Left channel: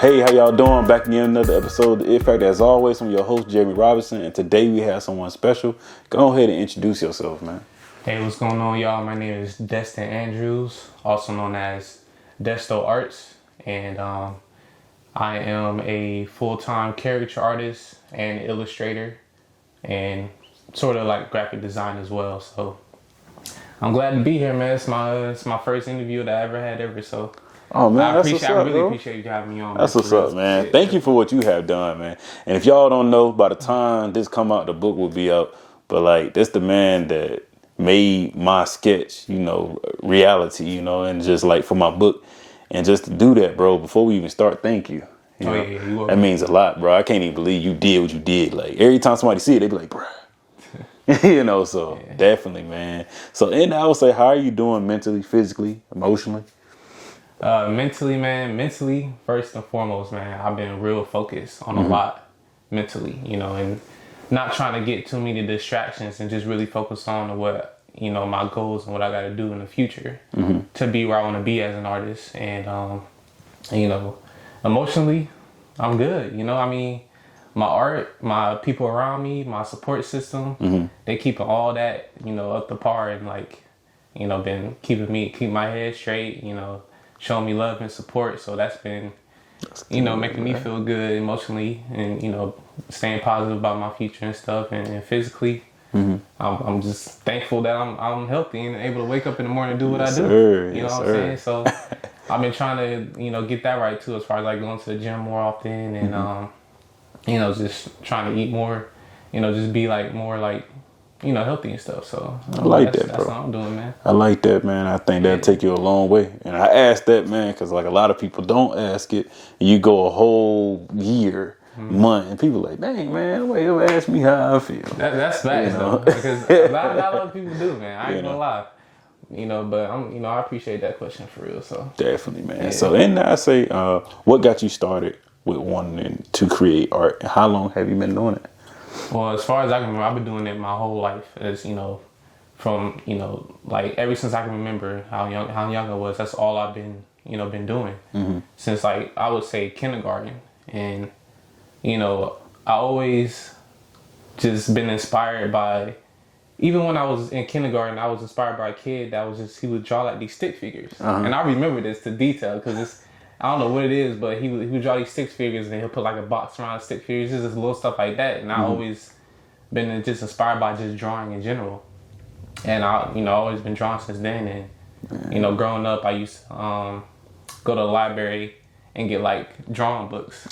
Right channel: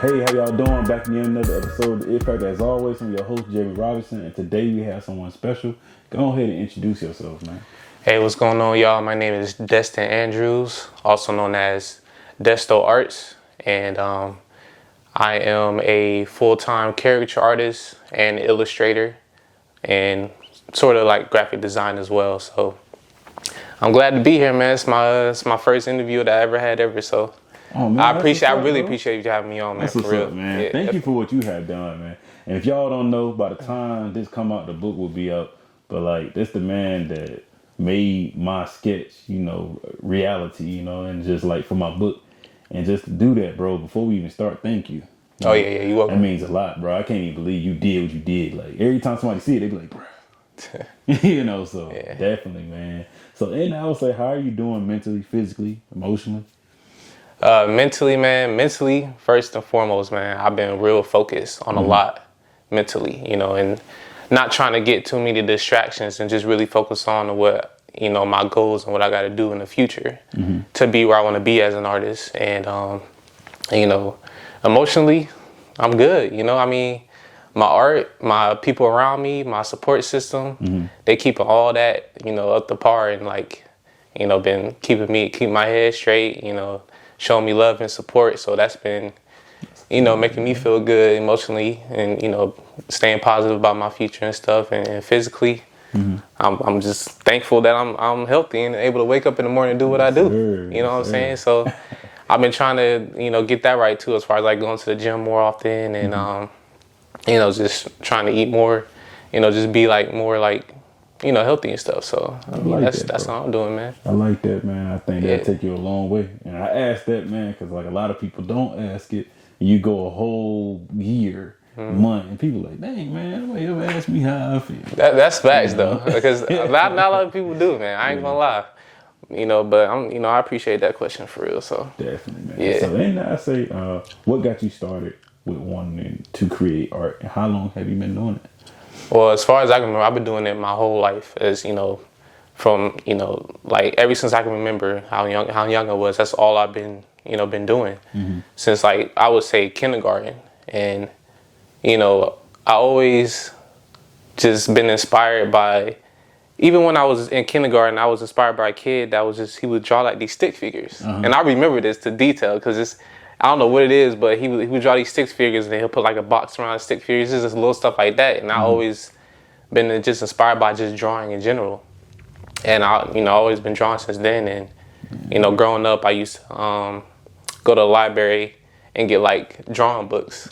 Hey, how y'all doing? Back again, another episode of the IT Factor. As always, I'm your host, Jeremy Robinson, and today we have someone special. Go ahead and introduce yourself, man. Hey, what's going on, y'all? My name is Destin Andrews, also known as Desto Arts, and I am a full-time caricature artist and illustrator, and sort of like graphic design as well. So I'm glad to be here, man. It's my first interview that I ever had ever. So Oh man, I really appreciate you having me on, man. That's what's up, man. Yeah. Thank you for what you have done, man. And if y'all don't know, by the time this come out, the book will be up. But like, this the man that made my sketch, reality, and just like for my book, and just to do that, bro. Before we even start, thank you. Yeah, you welcome. That means a lot, bro. I can't even believe you did what you did. Like every time somebody see it, they be like, bro. So yeah. Definitely, man. So, and I would say, how are you doing mentally, physically, emotionally? Mentally, first and foremost, man, I've been real focused on a lot mentally, and not trying to get too many distractions and just really focus on what, my goals and what I got to do in the future to be where I want to be as an artist. And, emotionally, I'm good. My art, my people around me, my support system, they keep all that, up to par and been keeping my head straight, showing me love and support. So that's been, making me feel good emotionally and, staying positive about my future and stuff. And physically, I'm just thankful that I'm healthy and able to wake up in the morning and do what I do. Sir. What I'm saying? So I've been trying to, get that right too, as far as like going to the gym more often and, just trying to eat more, just be like more like, healthy and stuff. So that's how I'm doing, man. I like that, man. I think that'll take you a long way. And I asked that, man, because like a lot of people don't ask it. You go a whole year, month, and people like, dang, man, nobody ever asked me how I feel. That's facts, though, because not a lot of people do, man. I ain't gonna lie. But I appreciate that question for real. So definitely, man. Yeah. So, and I say, what got you started with wanting to create art? And how long have you been doing it? Well, as far as I can remember, I've been doing it my whole life. As from like ever since I can remember how young I was. That's all I've been doing since like I would say kindergarten. And I always just been inspired by. Even when I was in kindergarten, I was inspired by a kid that was he would draw like these stick figures, and I remember this to detail because I don't know what it is, but he would draw these stick figures and he'll put like a box around the stick figures, just little stuff like that. And I always been just inspired by just drawing in general. And I always been drawing since then. And, growing up, I used to go to the library and get like drawing books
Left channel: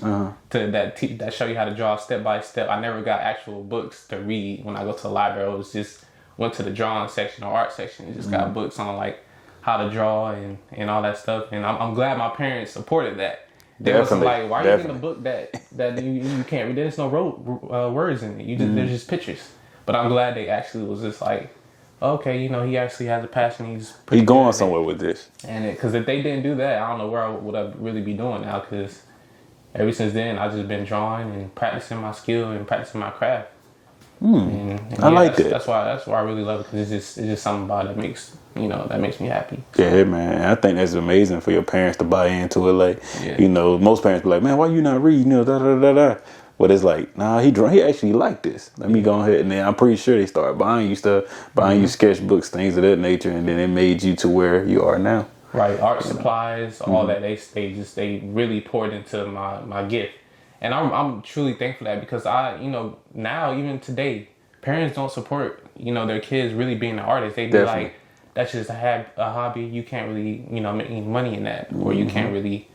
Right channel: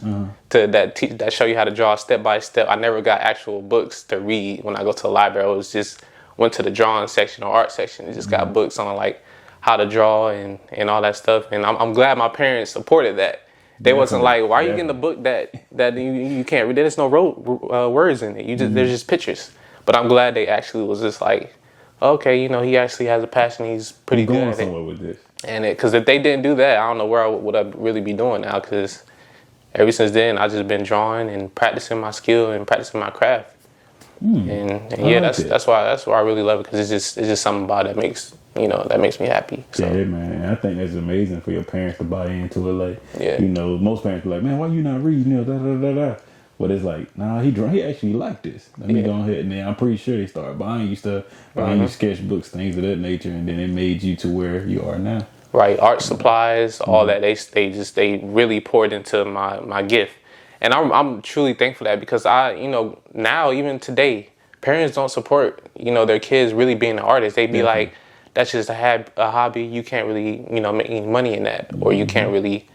that show you how to draw step by step. I never got actual books to read when I go to the library. I was just went to the drawing section or art section and just got books on like how to draw and all that stuff. And I'm glad my parents supported that. They wasn't like, why are you getting a book that you can't read? There's no words in it. There's just pictures. But I'm glad they actually was just like, okay, he actually has a passion. He's pretty good going somewhere with this. And because if they didn't do that, I don't know where I really be doing now. Because ever since then, I just been drawing and practicing my skill and practicing my craft. And yeah, that's why I really love it, because it's just something about it that makes me happy. So. Yeah, man. I think that's amazing for your parents to buy into it. Like, most parents be like, man, why you not reading? Da da da da. But it's like, nah, he actually liked this. Let me go ahead, and then I'm pretty sure they started buying you stuff, buying you sketchbooks, things of that nature, and then it made you to where you are now. Right, art supplies, all that. They really poured into my gift. And I'm truly thankful for that, because now even today, parents don't support, their kids really being an artist. They be like, that's just a hobby. You can't really, make any money in that, or you can't really,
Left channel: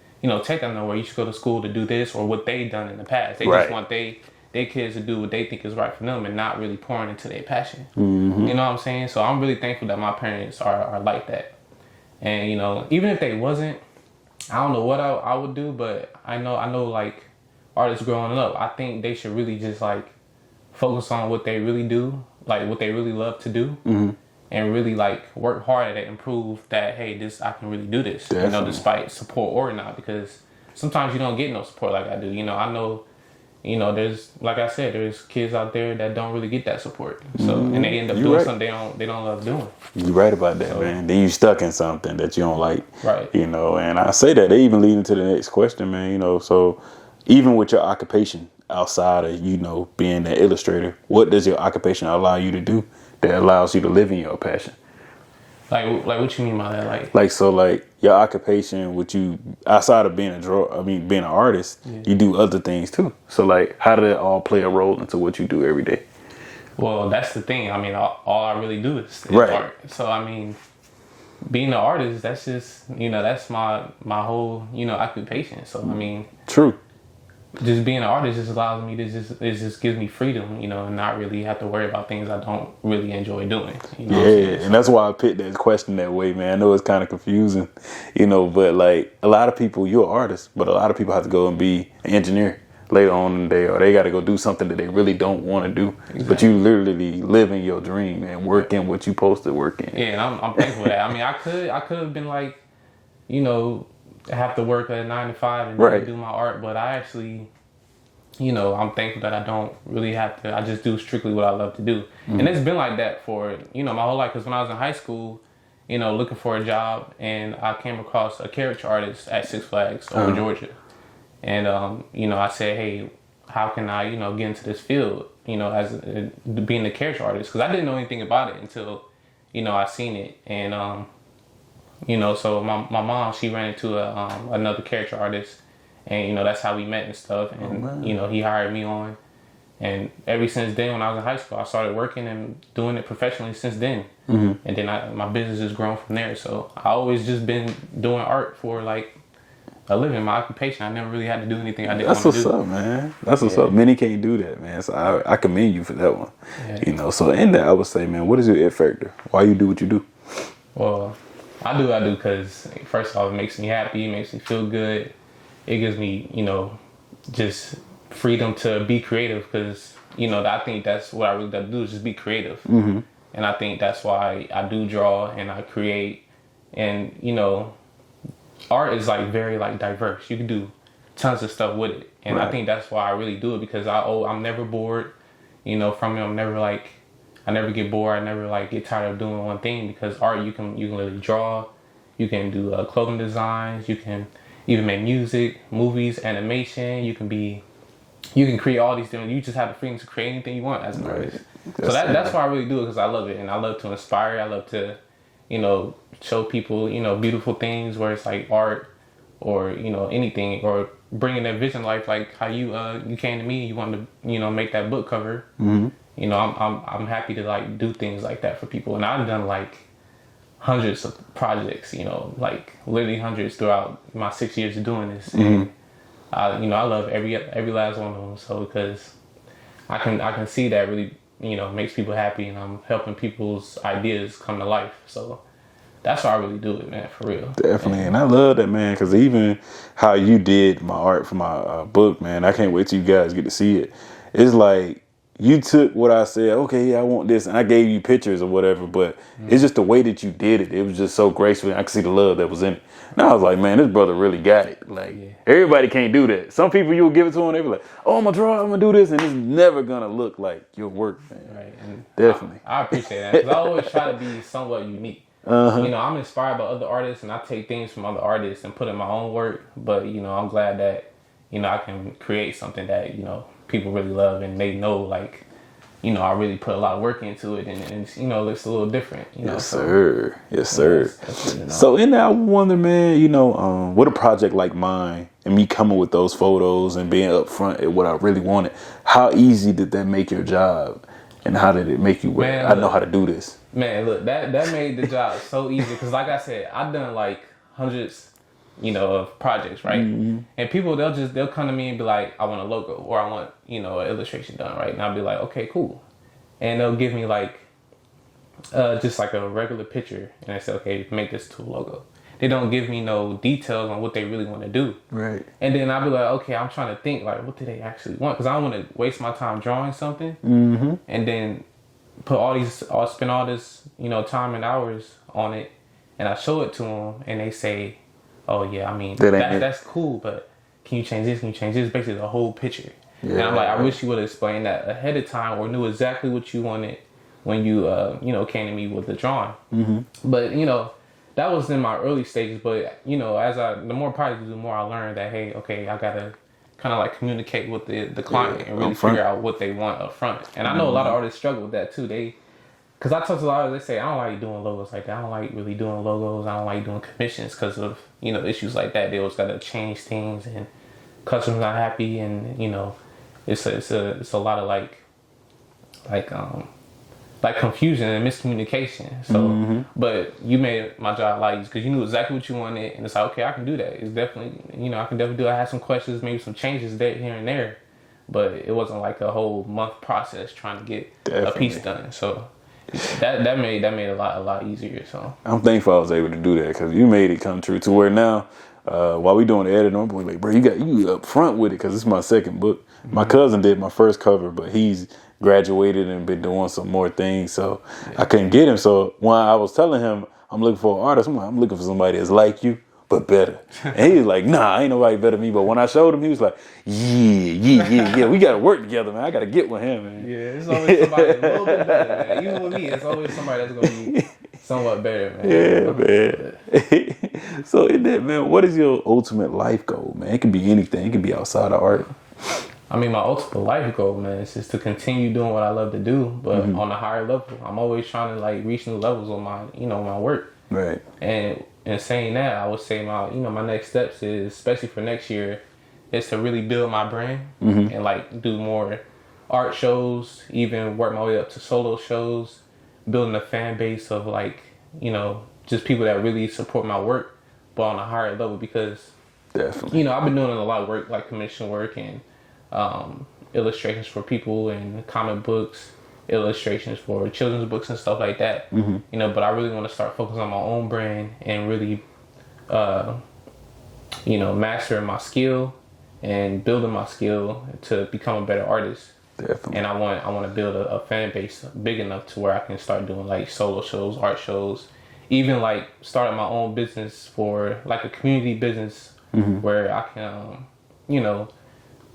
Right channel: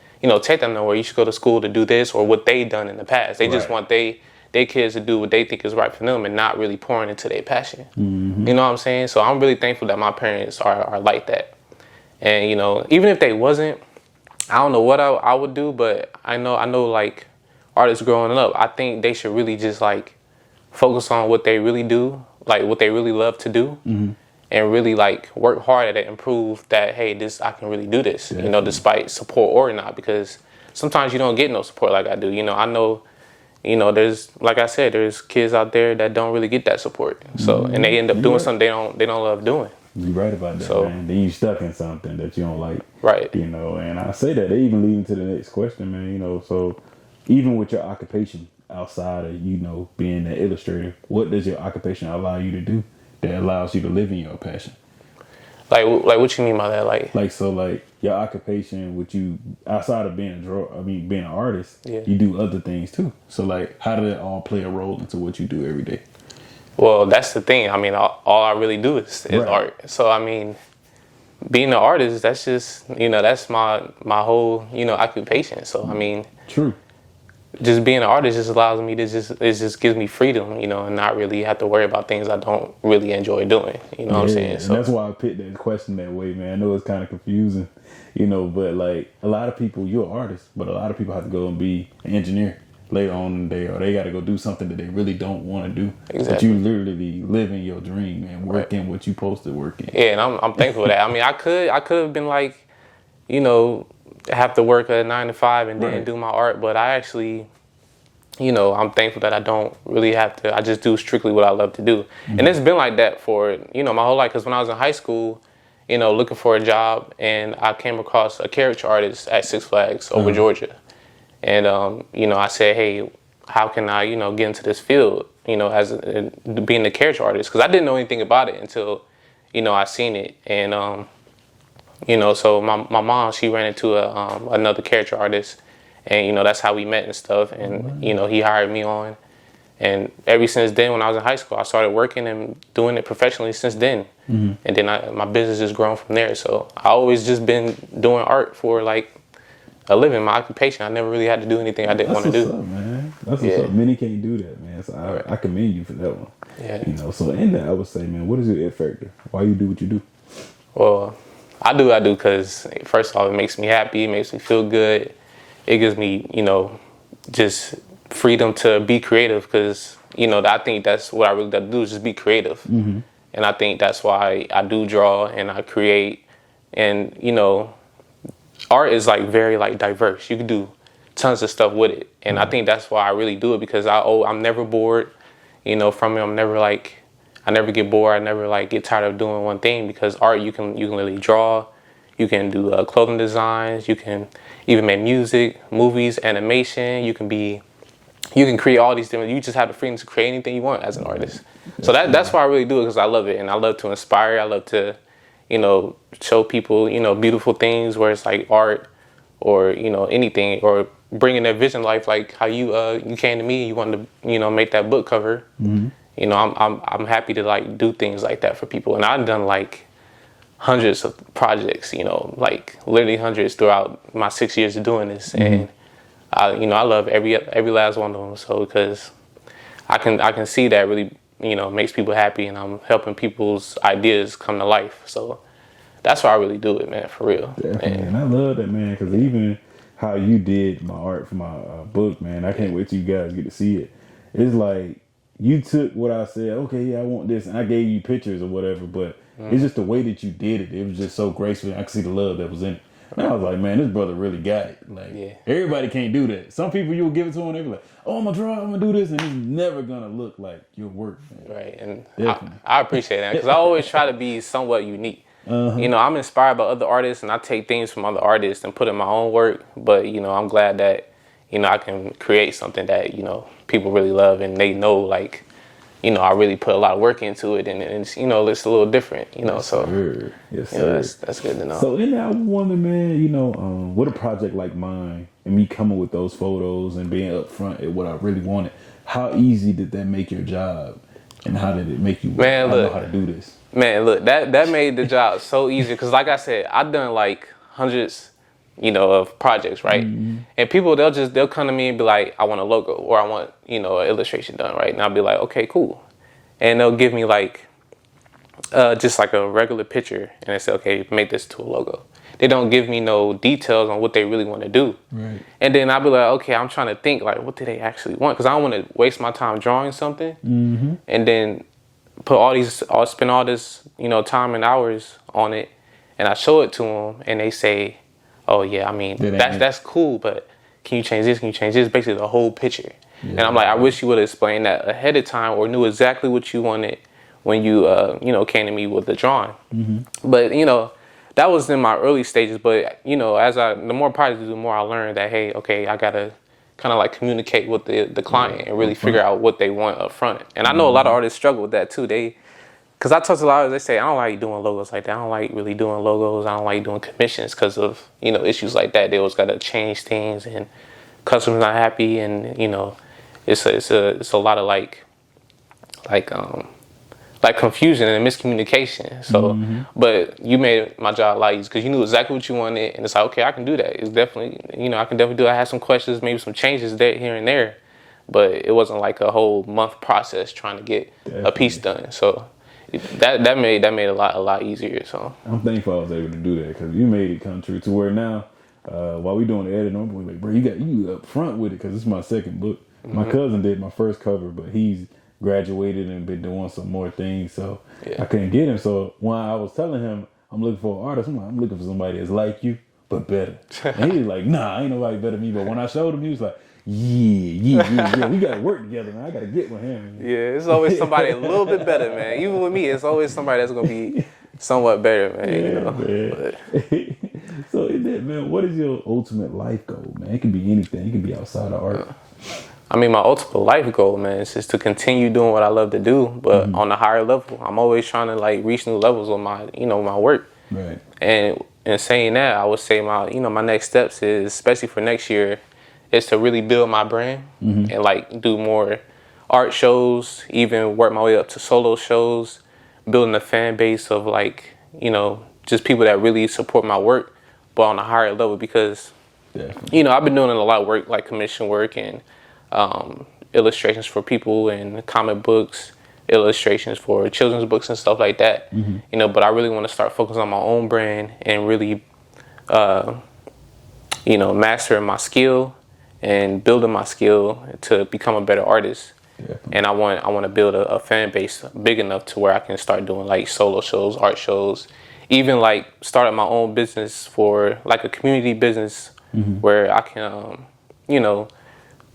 take them nowhere. You should go to school to do this, or what they done in the past. They just want their kids to do what they think is right for them and not really pouring into their passion. You know what I'm saying? So I'm really thankful that my parents are like that. And, even if they wasn't, I don't know what I would do, but I know like, artists growing up, I think they should really just like focus on what they really do, like what they really love to do, and really like work hard at it and prove that, hey, I can really do this, despite support or not, because sometimes you don't get no support like I do. I know you know, there's, like I said, there's kids out there that don't really get that support. So, and they end up doing something they don't love doing. You're right about that, man. Then you stuck in something that you don't like. Right. You know, and I say that, they even lead into the next question, man. You know, so even with your occupation outside of, you know, being an illustrator, what does your occupation allow you to do that allows you to live in your passion? Like what you mean by that? Like your occupation, with you outside of being being an artist, you do other things too. So like, how did it all play a role into what you do every day? Well, that's the thing. I mean, all I really do is art. So I mean, being an artist, that's just, you know, that's my whole, you know, occupation. So I mean, true. Just being an artist just allows me to it just gives me freedom, you know, and not really have to worry about things I don't really enjoy doing. You know what I'm saying? So, and that's why I picked that question that way, man. I know it's kind of confusing, you know, but like a lot of people, you're an artist, but a lot of people have to go and be an engineer later on in the day, or they got to go do something that they really don't want to do. Exactly. But you literally living your dream and working what you supposed to work in. Yeah, and I'm thankful for that. I mean, I could have been like, you know, have to work a 9 to 5 and then do my art, but I actually, you know, I'm thankful that I don't really have to. I just do strictly what I love to do. And it's been like that for, you know, my whole life. Because when I was in high school, you know, looking for a job, and I came across a caricature artist at Six Flags over Georgia. And, you know, I said, hey, how can I, you know, get into this field, you know, as being a caricature artist? Because I didn't know anything about it until, you know, I seen it. And, you know, so my mom, she ran into another caricature artist, and, you know, that's how we met and stuff. And, you know, he hired me on. And ever since then, when I was in high school, I started working and doing it professionally since then. And then my business has grown from there. So I always just been doing art for like a living, my occupation. I never really had to do anything I didn't want to do. That's what's up, man. That's what's up. Many can't do that, man. So I commend you for that one. You know, so in that, I would say, man, what is your it factor? Why you do what you do? Well, I do because, first of all, it makes me happy. It makes me feel good. It gives me, you know, just freedom to be creative, because, you know, I think that's what I really got to do, is just be creative. And I think that's why I do draw and I create. And, you know, art is like very like diverse. You can do tons of stuff with it. And I think that's why I really do it, because I'm never bored, you know, from it. I never get bored. I never like get tired of doing one thing, because art, you can really draw, you can do clothing designs, you can even make music, movies, animation. You can create all these different. You just have the freedom to create anything you want as an artist. So that's why I really do it, because I love it, and I love to inspire. I love to, you know, show people, you know, beautiful things, where it's like art or, you know, anything, or bringing their vision to life, like how you came to me, you wanted to, you know, make that book cover. You know, I'm happy to like do things like that for people, and I've done like hundreds of projects, you know, like literally hundreds throughout my 6 years of doing this. And you know, I love every last one of them. So because I can see that really, you know, makes people happy, and I'm helping people's ideas come to life. So that's why I really do it, man, for real. Definitely. And I love that, man, because even how you did my art for my book, man, I can't wait till you guys get to see it. It's like, you took what I said, okay, yeah, I want this, and I gave you pictures or whatever, but it's just the way that you did it. It was just so graceful. I could see the love that was in it. And I was like, man, this brother really got it. Like, everybody can't do that. Some people, you'll give it to them, they be like, oh, I'm going to draw, I'm going to do this, and it's never going to look like your work, man. Right, and definitely. I appreciate that, because I always try to be somewhat unique. You know, I'm inspired by other artists, and I take things from other artists and put in my own work, but, you know, I'm glad that, you know, I can create something that, you know, people really love, and they know, like, you know, I really put a lot of work into it, and it's, you know, it's a little different, you know. Yes, sir. Yes, sir. That's good to know. So in that, I wonder, man, you know, with a project like mine, and me coming with those photos and being upfront at what I really wanted, how easy did that make your job? And how did it make you, man, I know how to do this? Man, look, that made the job so easy, because like I said, I've done like hundreds, you know, of projects, right? And people, they'll come to me and be like, I want a logo, or I want, you know, an illustration done, right? And I'll be like, okay, cool. And they'll give me like, just like a regular picture, and they say, okay, make this to a logo. They don't give me no details on what they really want to do. Right. And then I'll be like, okay, I'm trying to think, like, what do they actually want? Because I don't want to waste my time drawing something, and then spend all this, you know, time and hours on it, and I show it to them, and they say, oh yeah, I mean, that's cool, but can you change this? Can you change this? Basically the whole picture. And I'm like, I wish you would have explained that ahead of time or knew exactly what you wanted when you, came to me with the drawing. But, that was in my early stages. But, the more projects, the more I learned that, hey, okay, I got to kind of like communicate with the client and really figure out what they want up front. And I know a lot of artists struggle with that too. Because I talk to a lot of, they say, I don't like doing logos like that. I don't like really doing logos. I don't like doing commissions because of, issues like that. They always got to change things and customers not happy. And, it's a lot of like confusion and miscommunication. So, but you made my job a lot easier because you knew exactly what you wanted. And it's like, okay, I can do that. It's definitely, I can definitely do it. I had some questions, maybe some changes there, here and there. But it wasn't like a whole month process trying to get a piece done. So that made a lot easier. So I'm thankful I was able to do that because you made it come true to where now, while we doing the editing, I'm like, bro, you up front with it because it's my second book. My cousin did my first cover, but he's graduated and been doing some more things, so I couldn't get him. So when I was telling him I'm looking for an artist, I'm looking for somebody that's like you but better. And he was like, nah, ain't nobody better than me. But when I showed him, he was like, yeah, we gotta work together, man. I gotta get with him, man. Yeah, it's always somebody a little bit better, man. Even with me, it's always somebody that's gonna be somewhat better, man. Yeah, man. So in that, man, what is your ultimate life goal, man? It can be anything. It can be outside of art. I mean, my ultimate life goal, man, is just to continue doing what I love to do, but on a higher level. I'm always trying to like reach new levels with my, my work. Right. And saying that, I would say my next steps is, especially for next year, is to really build my brand and like do more art shows, even work my way up to solo shows, building a fan base of like, just people that really support my work, but on a higher level because, definitely, I've been doing a lot of work, like commission work and illustrations for people and comic books, illustrations for children's books and stuff like that. But I really want to start focusing on my own brand and really, mastering my skill and building my skill to become a better artist. Definitely. And I want to build a fan base big enough to where I can start doing like solo shows, art shows, even like starting my own business for like a community business where I can,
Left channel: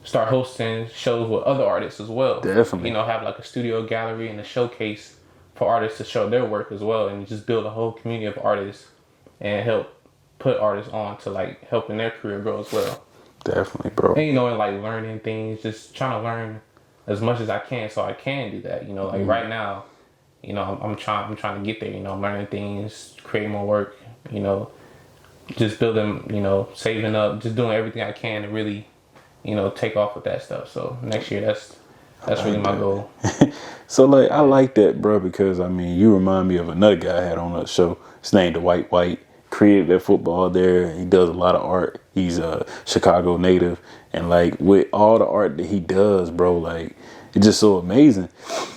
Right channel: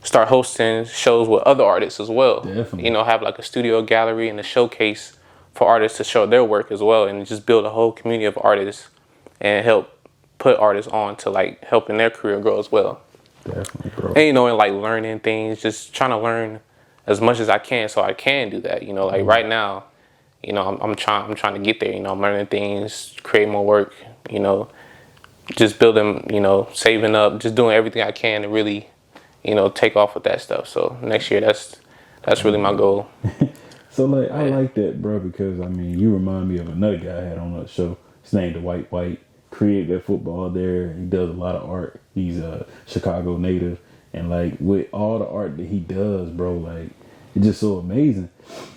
start hosting shows with other artists as well. Definitely. Have like a studio gallery and a showcase for artists to show their work as well and just build a whole community of artists and help put artists on to like helping their career grow as well. Definitely, bro. And, and like learning things, just trying to learn as much as I can so I can do that. Like right now, I'm trying to get there, I'm learning things, create more work, just building, saving up, just doing everything I can to really take off with that stuff. So next year, that's really my goal. So like, I like that, bro, because I mean, you remind me of another guy I had on the show. His name the White. Created that football there. He does a lot of art. He's a Chicago native, and like with all the art that he does, bro, like it's just so amazing.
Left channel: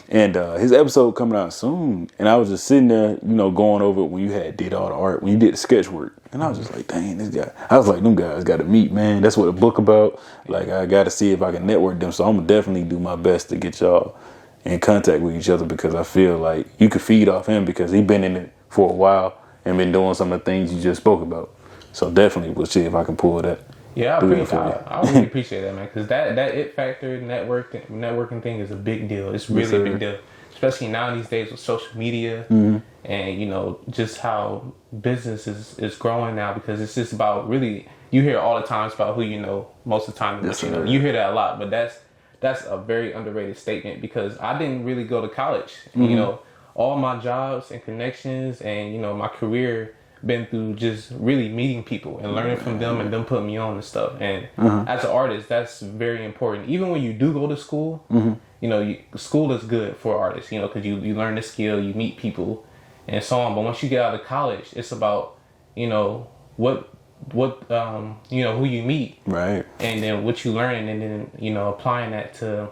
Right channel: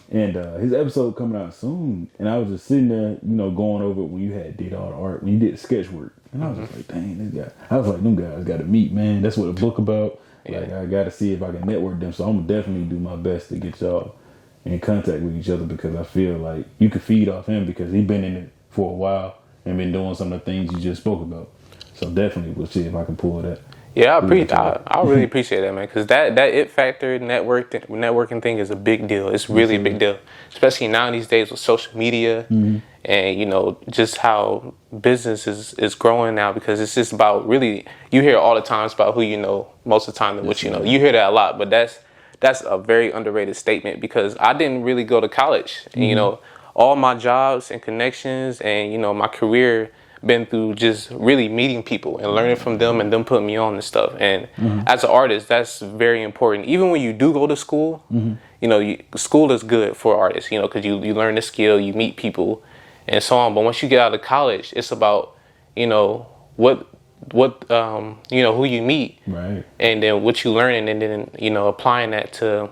And his episode coming out soon, and I was just sitting there, going over it when you did all the art, when you did the sketch work. And I was just like, dang, this guy. I was like, them guys got to meet, man. That's what a book about. Like, I got to see if I can network them. So I'm going to definitely do my best to get y'all in contact with each other because I feel like you could feed off him because he been in it for a while and been doing some of the things you just spoke about. So definitely we'll see if I can pull that. Yeah, I really appreciate that, man, because that IT Factor networking thing is a big deal. It's really a big deal, especially now these days with social media and, just how business is growing now because it's just about really, you hear all the time it's about who you know most of the time than what you know. You hear that a lot, but that's a very underrated statement because I didn't really go to college. And, all my jobs and connections and, my career been through just really meeting people and learning from them and them putting me on and stuff. And as an artist, that's very important. Even when you do go to school, school is good for artists, because you learn the skill, you meet people and so on. But once you get out of college, it's about, what who you meet. Right. And then what you learn and then, applying that to,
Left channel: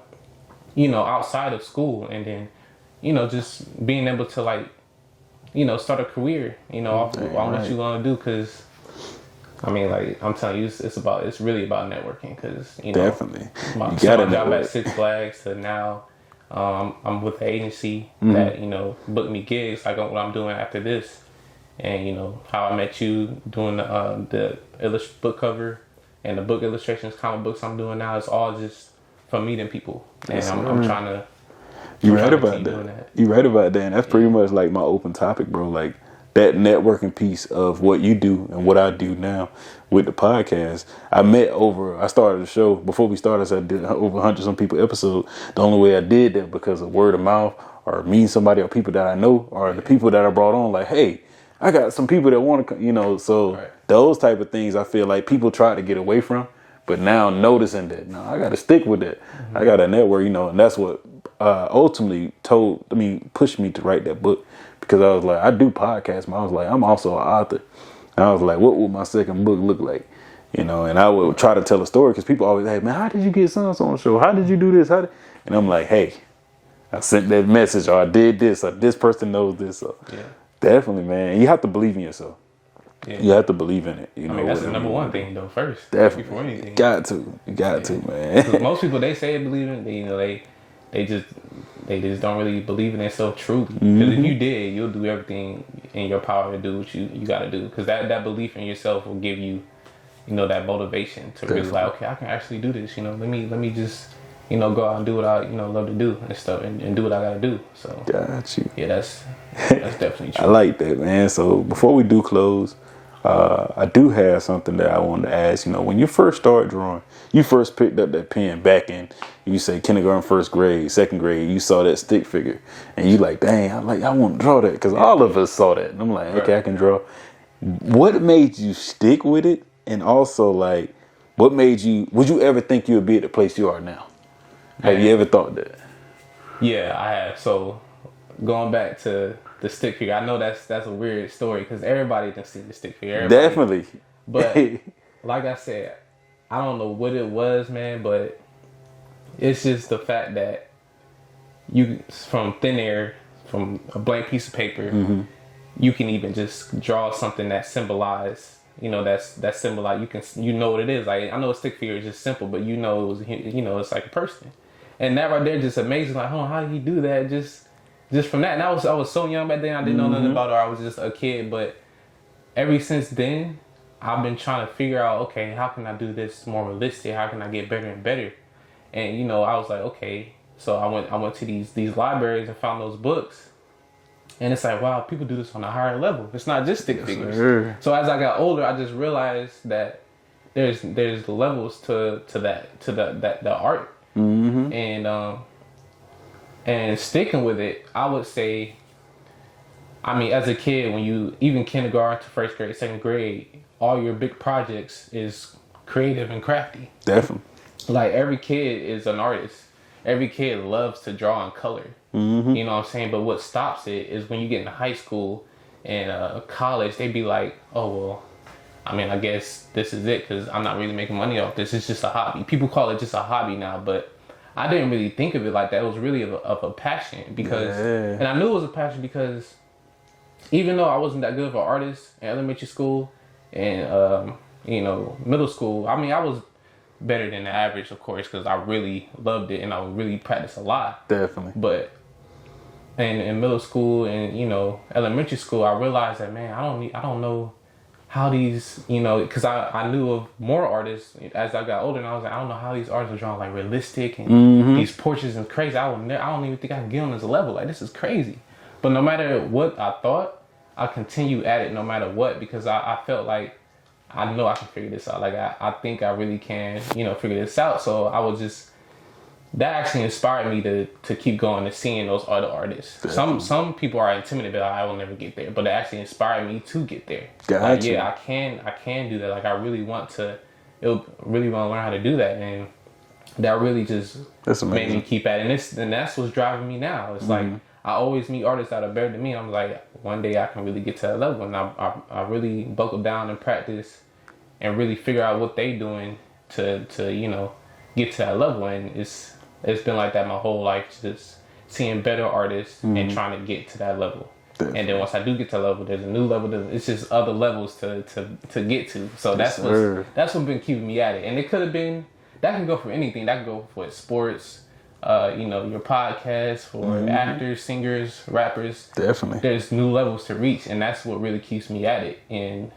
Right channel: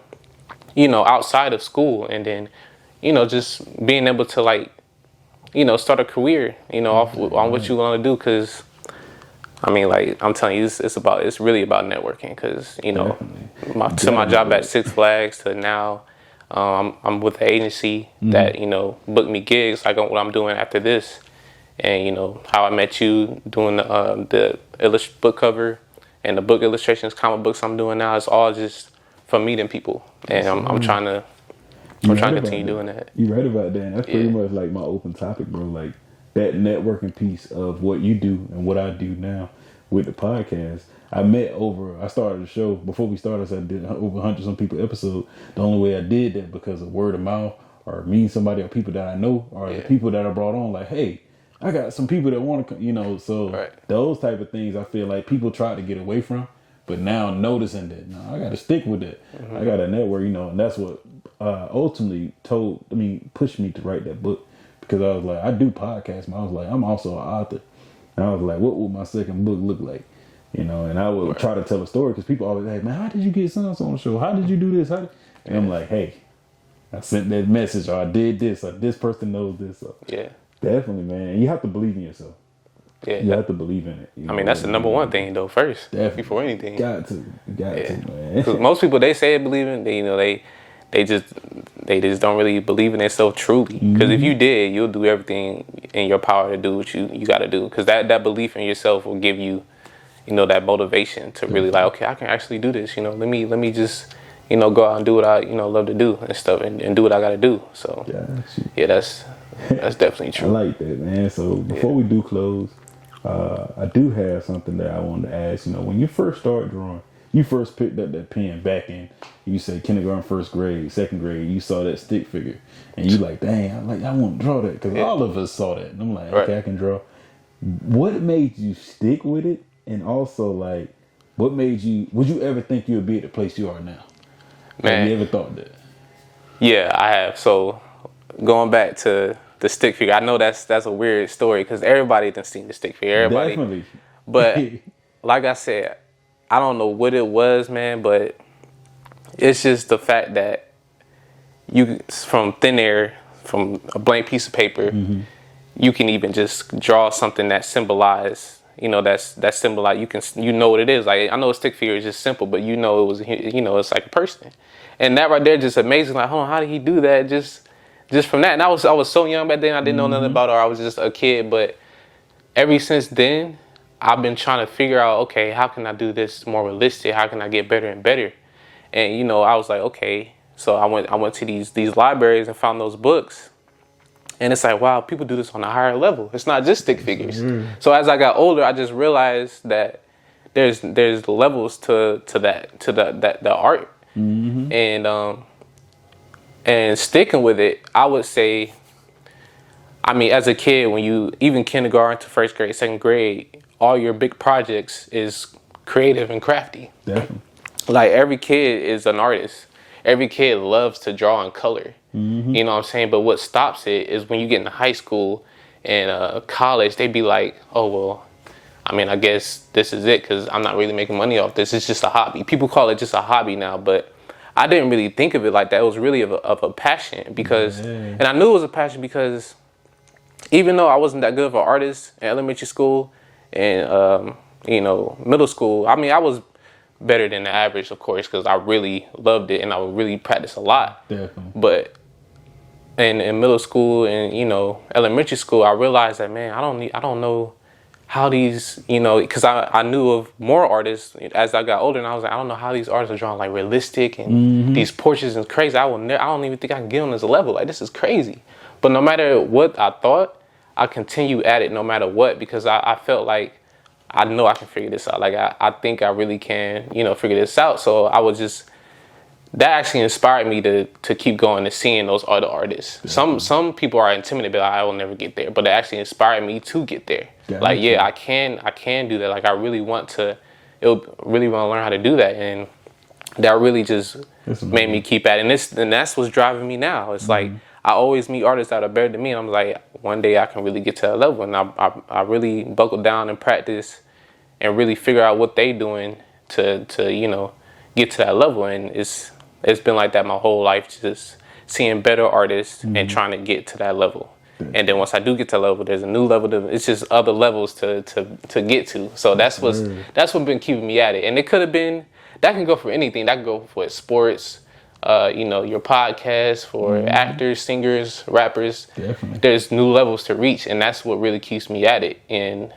outside of school and then, just being able to like, start a career, on what you want to do. Cause I mean, like I'm telling you, it's really about networking. Cause, my job at Six Flags to now, I'm with an agency that, booked me gigs like what I'm doing after this. And, how I met you doing the book cover and the book illustrations, comic books I'm doing now. It's all just from meeting people, and I'm trying to. You right about that. You right about that. And that's pretty much like my open topic, bro. Like that networking piece of what you do and what I do now with the podcast. I started the show before we started. So I did over 100 some people episode. The only way I did that because of word of mouth or meeting somebody or people that I know or the people that I brought on. Like, hey, I got some people that want to, so those type of things I feel like people try to get away from. But now noticing that, no, I got to stick with that. Mm-hmm. I got to network, and that's what ultimately pushed me to write that book, because I was like, I do podcasts, but I was like, I'm also an author. And I was like, what would my second book look like? And I would try to tell a story, because people always, hey, man, how did you get so on the show? How did you do this? And I'm like, hey, I sent that message, or I did this, or this person knows this. So definitely, man. You have to believe in yourself. Yeah. You have to believe in it. That's the number one thing, though, first. Definitely. Before anything. You got to, man. Most people, they say they believe in it, they just don't really believe in themselves truly. Because if you did, you'll do everything in your power to do what you got to do. Because that belief in yourself will give you, that motivation to really like, okay, I can actually do this. Let me just, go out and do what I, love to do and stuff, and do what I got to do. So, got you. Yeah, that's definitely true. I like that, man. So before we do close, I do have something that I wanted to ask. When you first started drawing, you first picked up that pen back in, you say kindergarten, first grade, second grade, you saw that stick figure, and you like, dang, I want to draw that, because all of us saw that. And I'm like, okay, I can draw. What made you stick with it? And also, like, what made you, would you ever think you would be at the place you are now? Have you ever thought that? Yeah, I have. So going back to the stick figure, I know that's a weird story, because everybody done seen the stick figure. Definitely. But like I said, I don't know what it was, man, but it's just the fact that you, from thin air, from a blank piece of paper, you can even just draw something that symbolize, that symbolize, you know what it is. Like, I know a stick figure is just simple, but it was, it's like a person. And that right there just amazing. Like, hold on, how did he do that? Just from that. And I was so young back then, I didn't know nothing about it, or I was just a kid. But ever since then, I've been trying to figure out, okay, how can I do this more realistic? How can I get better and better? And I was like, okay. So I went to these libraries and found those books. And it's like, wow, people do this on a higher level. It's not just stick figures. So as I got older, I just realized that there's levels to the art. And sticking with it, I would say, as a kid, when you, even kindergarten to first grade, second grade, all your big projects is creative and crafty. Definitely. Like, every kid is an artist. Every kid loves to draw and color. You know what I'm saying? But what stops it is when you get into high school and college, they be like, oh, well, I guess this is it, because I'm not really making money off this. It's just a hobby. People call it just a hobby now, but I didn't really think of it like that. It was really of a passion, because, and I knew it was a passion because even though I wasn't that good of an artist in elementary school and, middle school, I was better than the average, of course, because I really loved it and I would really practice a lot. Definitely. But in middle school and, elementary school, I realized that, man, I don't know how these, because I knew of more artists as I got older, and I was like, I don't know how these artists are drawing like realistic and these portraits and crazy. I don't even think I can get on this level. Like, this is crazy. But no matter what I thought, I continued at it no matter what, because I felt like I know I can figure this out. Like, I think I really can, figure this out. So I was just, that actually inspired me to keep going and seeing those other artists. Some people are intimidated, but I will never get there. But it actually inspired me to get there. Gotcha. Like, yeah, I can do that. Like, I really want to learn how to do that. And that really just made me keep at it. And that's what's driving me now. It's like, I always meet artists that are better than me. And I'm like, one day I can really get to that level. And I really buckle down and practice and really figure out what they doing to get to that level. And it's been like that my whole life, just seeing better artists and trying to get to that level. And then once I do get to that level, there's a new level. It's just other levels to get to. So that's what's been keeping me at it. And it could have been, that can go for anything. That can go for sports, your podcast, for actors, singers, rappers. Definitely. There's new levels to reach, and that's what really keeps me at it. And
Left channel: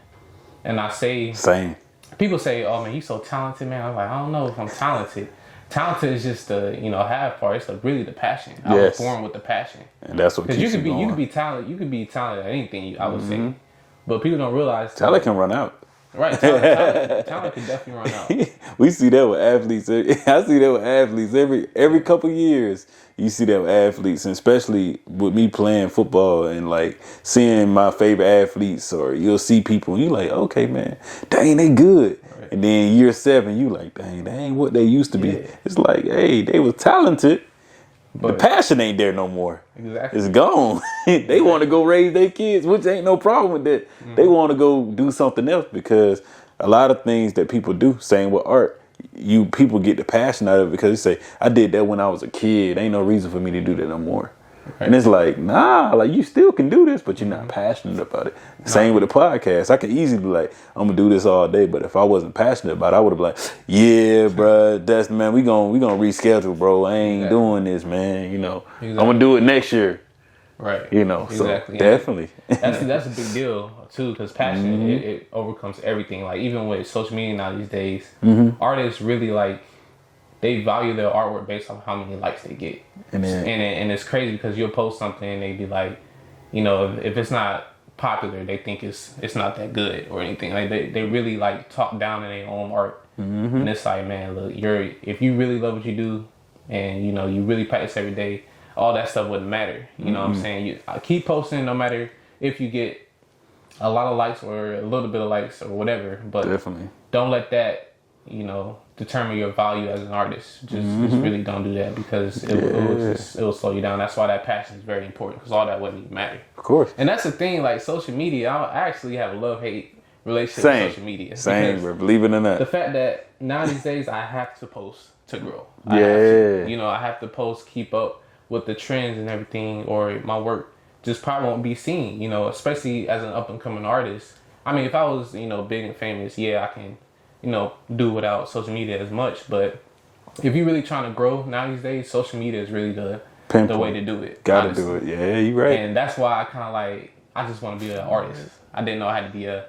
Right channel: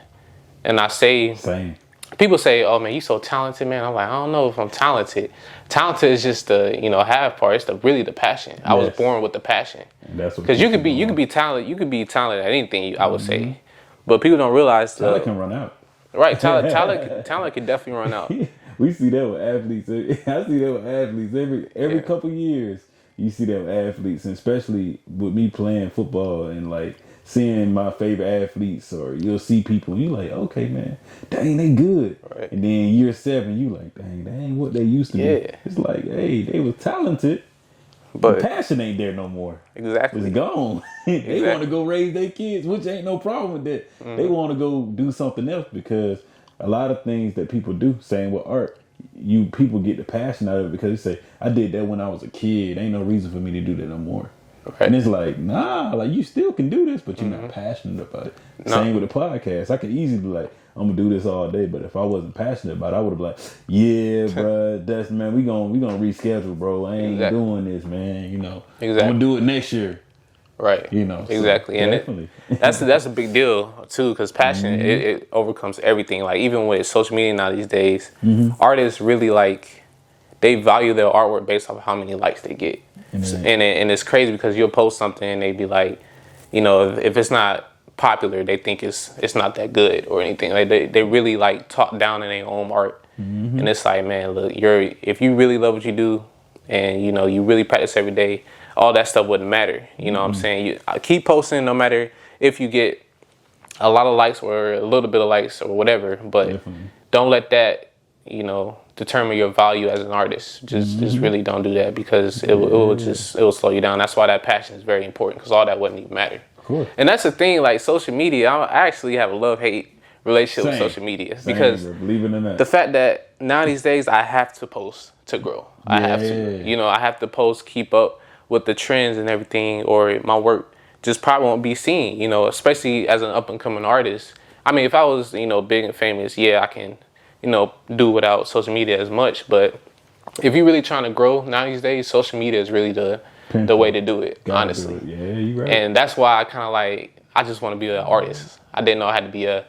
I say, same. people say, "Oh man, you so talented, man." I'm like, I don't know if I'm talented. Talented is just the half part. It's really the passion. I was born with the passion, and that's what. Because you could be talented. You could be talented at anything. I would say, but people don't realize talent can run out. Right, talent can definitely run out. We see that with athletes. I see that with athletes every couple years. You see that with athletes, and especially with me playing football and like seeing my favorite athletes, or you'll see people and you like, okay, man, dang, they good. Right. And then year 7, you like, dang, they ain't what they used to be. It's like, hey, they was talented, but the passion ain't there no more. Exactly. It's gone. They want to go raise their kids, which ain't no problem with that. They want to go do something else, because a lot of things that people do, same with art, people get the passion out of it because they say, I did that when I was a kid. Ain't no reason for me to do that no more. Right. And it's like, nah, like you still can do this, but you're not passionate about it. Same with the podcast. I could easily be like, I'm gonna do this all day, but if I wasn't passionate about it, I would have been like, yeah, bro, Destin, man, we gonna reschedule, bro. I ain't doing this, man. I'm gonna do it next year. Right. Exactly. So definitely. That's a big deal too, because passion it overcomes everything. Like even with social media now these days, artists really they value their artwork based off how many likes they get. And it's crazy because you'll post something and they be like, if it's not popular, they think it's not that good or anything. Like they really talk down in their own art. And it's like, man, look, if you really love what you do and you really practice every day, all that stuff wouldn't matter. You know what I'm saying? You keep posting no matter if you get a lot of likes or a little bit of likes or whatever, but don't let that, determine your value as an artist. Just really don't do that, because it will slow you down. That's why that passion is very important, because all that wouldn't even matter. Of course. And that's the thing, like social media, I actually have a love-hate relationship with social media. Because believe it or not. The fact that now these days I have to post to grow. I have to. I have to post, keep up with the trends and everything, or my work just probably won't be seen, especially as an up-and-coming artist. I mean, if I was, big and famous, I can, do without social media as much. But if you're really trying to grow now these days, social media is really the way to do it. Gotta do it. Yeah, you're right. And that's why I kind of I just want to be an artist. I didn't know I had to be a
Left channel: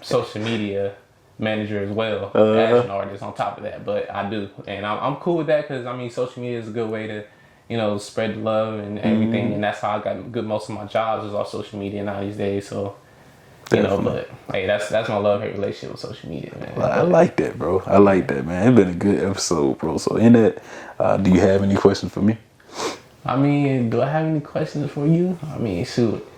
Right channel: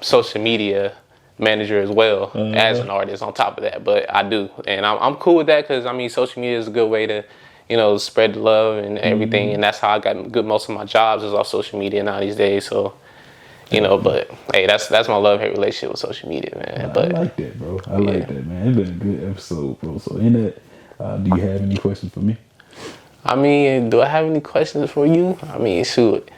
social media manager as well as an artist on top of that. But I do. And I'm cool with that, because, social media is a good way to, spread the love and everything. And that's how I got most of my jobs is off social media now these days. So, but hey, that's my love-hate relationship with social media, man. Well, I like that, bro. I like that, man. It's been a good episode, bro. So in that, do you have any questions for me? I mean, do I have any questions for you? I mean, shoot.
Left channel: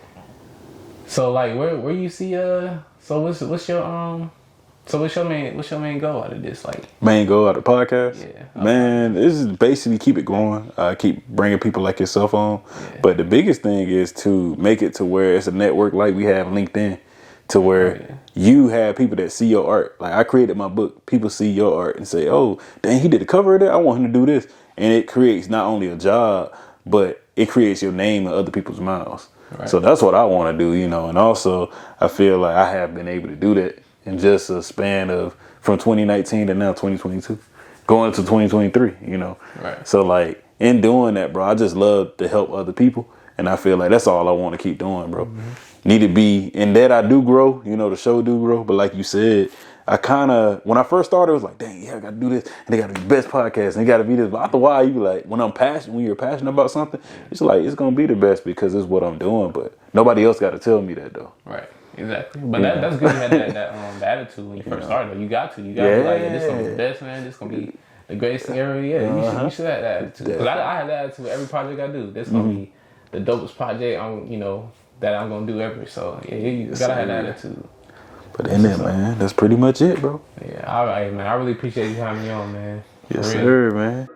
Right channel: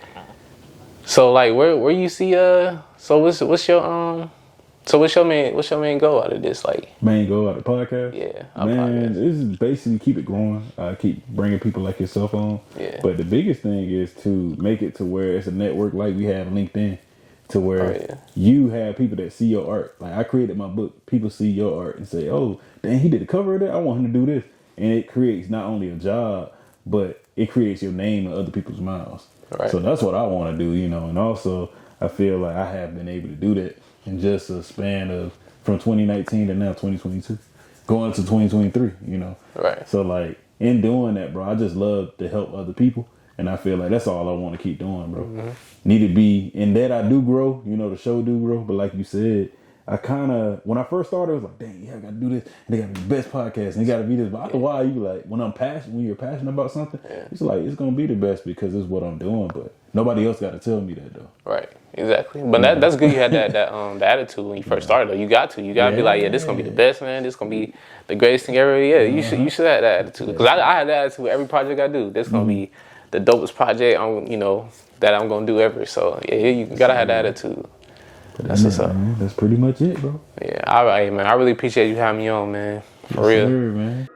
So where you see so what's your main goal out of this? Main goal out of the podcast? Yeah. Man, this is basically keep it going. Keep bringing people like yourself on. Yeah. But the biggest thing is to make it to where it's a network like we have LinkedIn, to where you have people that see your art. Like I created my book. People see your art and say, oh, dang, he did the cover of that. I want him to do this. And it creates not only a job, but it creates your name in other people's mouths. Right. So that's what I want to do, and also I feel like I have been able to do that in just a span of from 2019 to now 2022, going to 2023, Right. So in doing that, bro, I just love to help other people. And I feel like that's all I want to keep doing, bro. Need to be in that I do grow, the show do grow. But like you said, I kind of, when I first started, it was like, dang, I got to do this. And they got to be the best podcast. And they got to be this. But after a while, you be like, when you're passionate about something, it's like, it's going to be the best because it's what I'm doing. But nobody else got to tell me that, though. Right. Exactly. But that's good you had that attitude when you first started, though. You got to be like, this is going to be the best, man. This is going to be the greatest thing ever. Yeah, you should have that attitude. Because I had that attitude with every project I do. This is going to be the dopest project that I'm going to do ever. So, you got to have that attitude. But that's it, man. That's pretty much it, bro. Yeah, all right, man. I really appreciate you having me on, man. Yes, sir, man.